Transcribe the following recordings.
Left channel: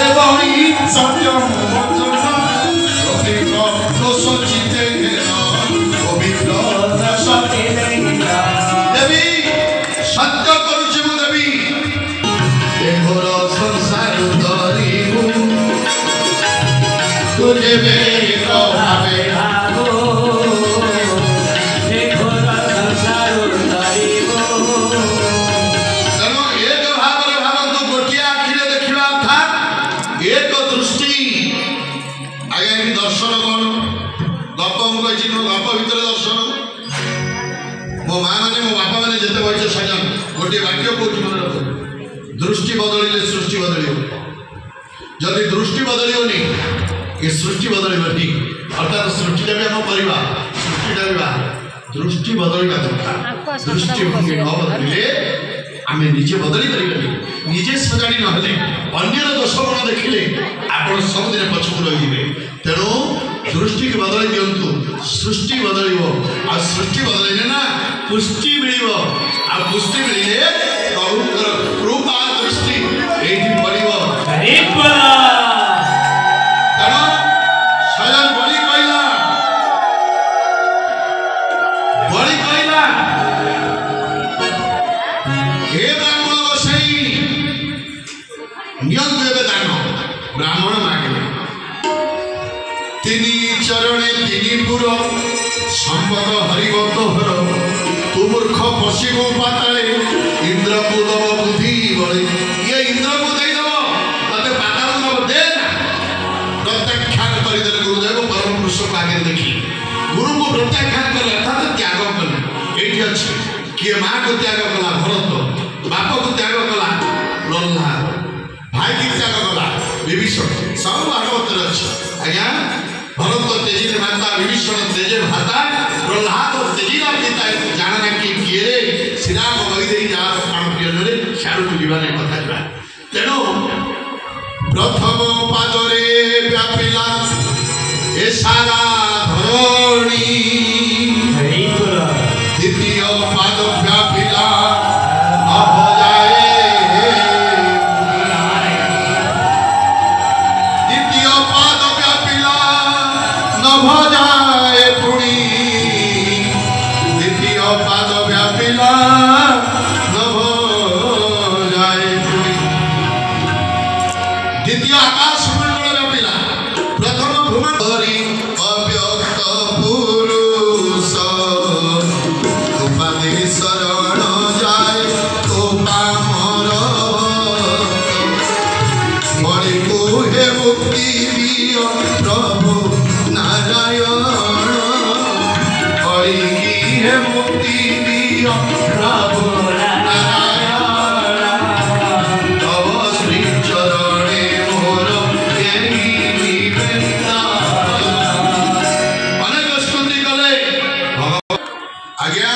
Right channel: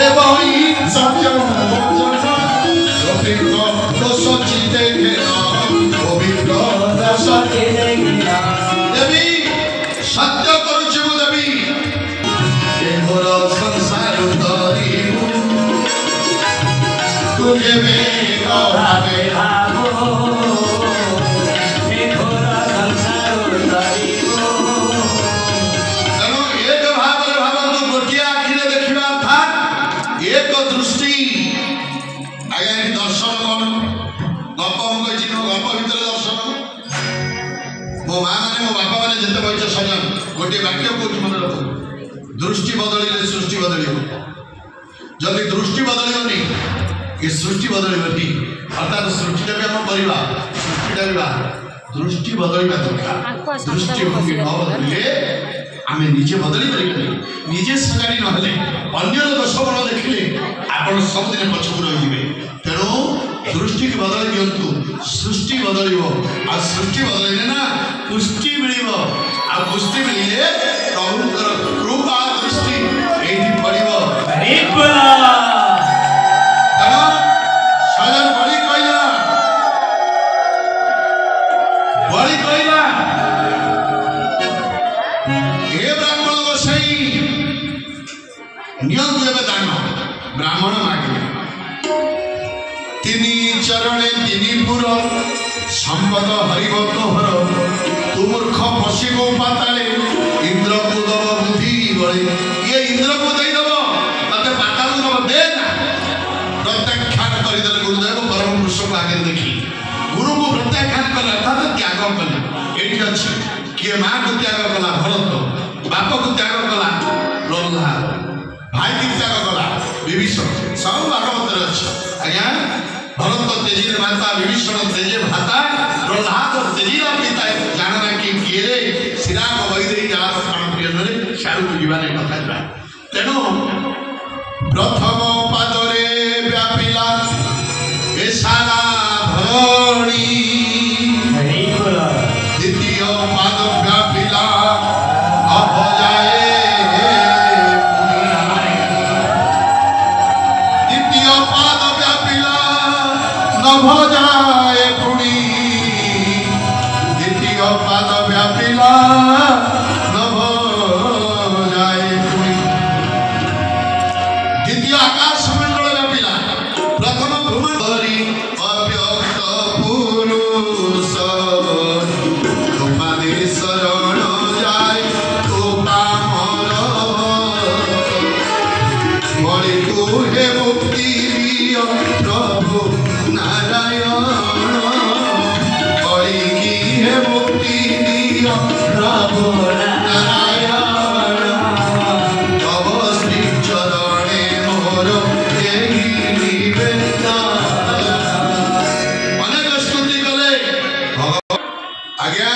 सत्यम सोचिते पवित्र देवी सत्य करुची मु देवी एघोर संसार धरिबु तुझे बेक भावे एक दृष्टि आज्ञा दर्शन कौन गप मुझे गप भर दर्शन मो माँ मैंने मो बापा मैंने जिते बच सजन गोटे वाक्य कौन मन रख दृष्टि बदल सृष्टि बदल जदि दृष्टि बदलनी ये सृष्टि बदल अर्थात सृष्टिटा भी आम करवा सृष्टिटा भी दृष्टि बदल दरकार दृष्टिभंगी न बदलिले आम निजे बदली पारे निजे सजाड़ी ना अन्यर दोष गुण देखिले आप सबुदिन पछक रही तेणु दृष्टि की बदल दिंतु सृष्टि बदल आ सृष्टि बदल ना पुष्टि मिल आ पुष्टि मिले प्रभुंर कृपा दृष्टि ये पड़ो ब्राह्मण मागे तीन चरणे तीन पुर संपद हरिभक्त हर तू मूर्ख पशिबो पाताले इंद्र को दब बुद्धि बड़े ये इंद्र को दे दब तते पाताल दब दे ना प्रत्याख्यान करदे गुरुदेव परम पुरुष को आगे देखी गुरु को प्रत्याख्यान कर अर्थात त्याग कला एठी अछि किए मां को त्याग कला भरत बाप को त्याग कला प्रह्लाद भाई की त्याग कला विभीषण सब भागवत अच्छे आज्ञा भरत तेजी माता विभीषण तेजे भाता प्रह्लाद तेजीरा पिता जानना कि किए श्रीराम वैदे जार प्राण प्रिय सारू जीवाने कथा तेणु प्रथम पादरे व्यापिला ए सारा धरणी द्वितीय पाद व्यापिला भजाए पुणी द्वितीय पाद व्यापिला न भजाए पुणी द्वितीय आकाश मंडल व्यापिला प्रथम भूमंडली अव्यक्त पुरुष उपाधि शरण जाए तो पामर मणि को हे मुक्ति दियो प्रभु नारायण हरि की है मुक्ति दियो प्रभु नारायण तव श्री चरणे मोर एही निवेदन अनेक स्तुति कले आज्ञा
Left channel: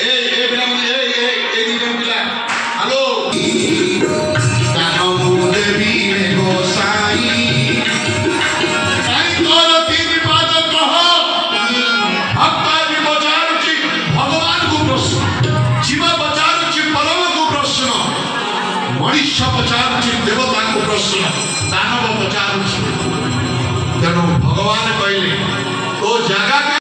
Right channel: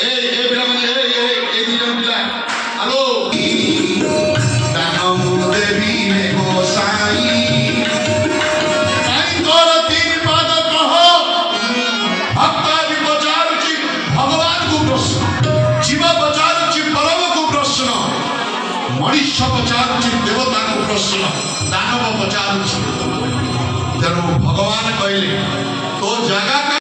ए पिला ए दिजन पिला हेलो दानव देवी गोसाई जीव पचारुची परम को प्रश्न मनुष्य पचारुची देवता को प्रश्न दानव पचारुची तेणु भगवान कहले तो जगह